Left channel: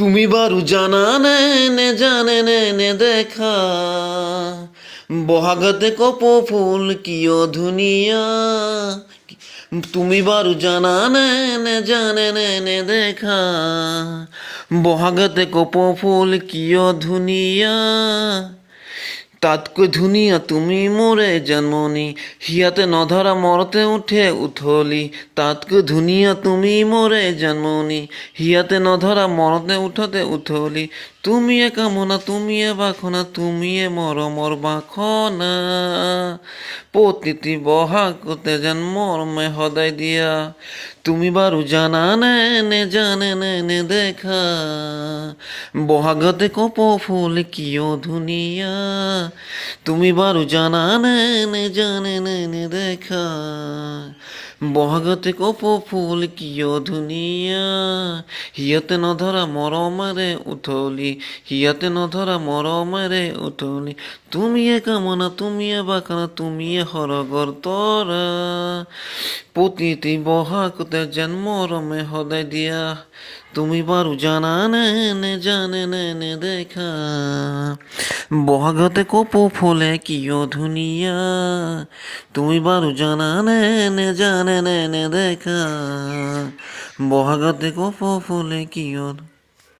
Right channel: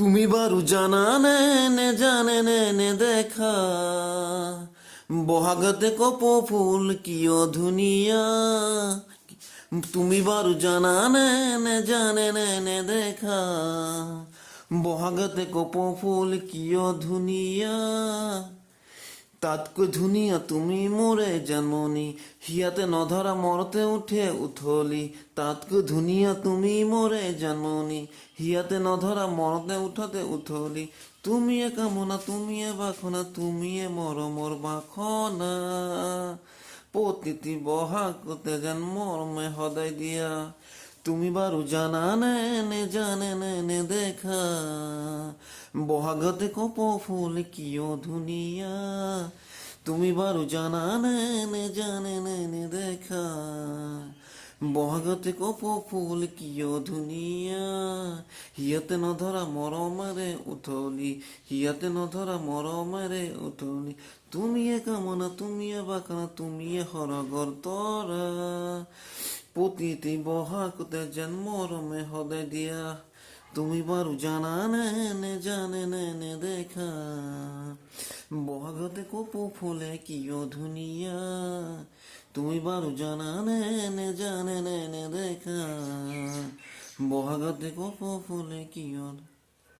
তুমি বারু জানা নে জানে নে দেখা বহাগতে কপ ফুল কিয় ধুনিয়া। তুমি বারু জানা নে জানে নে দেখা বহাগতে কপ ফুল কিয় ধুনিয়া। তাতকৈ ধুনীয়া তুমি মোৰে জন্মনি, হিয়াতে নধৰা মৰতে উঠে উঠলি। তাতকৈ ধুনীয়া তুমি মোৰে জন্মনি, হিয়াতে নধৰা মৰতে উঠতে উঠলি। তুমিয়ে কামনা তুমিয়ে বাসনা তুমিয়ে মৰমৰ বাসনা, প্ৰতিটি বহাগতে যেন মৰমে সদায় দিয়া। তুমি বাৰু জানা নে জানে নে দেখা বহাগতে কপ ফুল কিয় ধুনীয়া। তুমি বাৰু জানা নে জানে নে দেখা বহাগতে কপ ফুল কিয় ধুনীয়া। হিয়াতে নধৰা মৰমেৰে উঠলি, হিয়াতে নধৰা মৰমেৰে উঠলি। তুমিয়ে কামনা তুমিয়ে বাসনা তুমিয়ে সৰগৰ তৰা, প্ৰতিটি বহাগতে যেন মৰমে সদায় দিয়া। তুমি বাৰু জানা নে জানে নে দেখা বহাগতে কপ ফুলে কিয় ধুনীয়া। তুমি বাৰু জানা নে জানে নে দেখা বহাগতে কপ ফুলে কিয়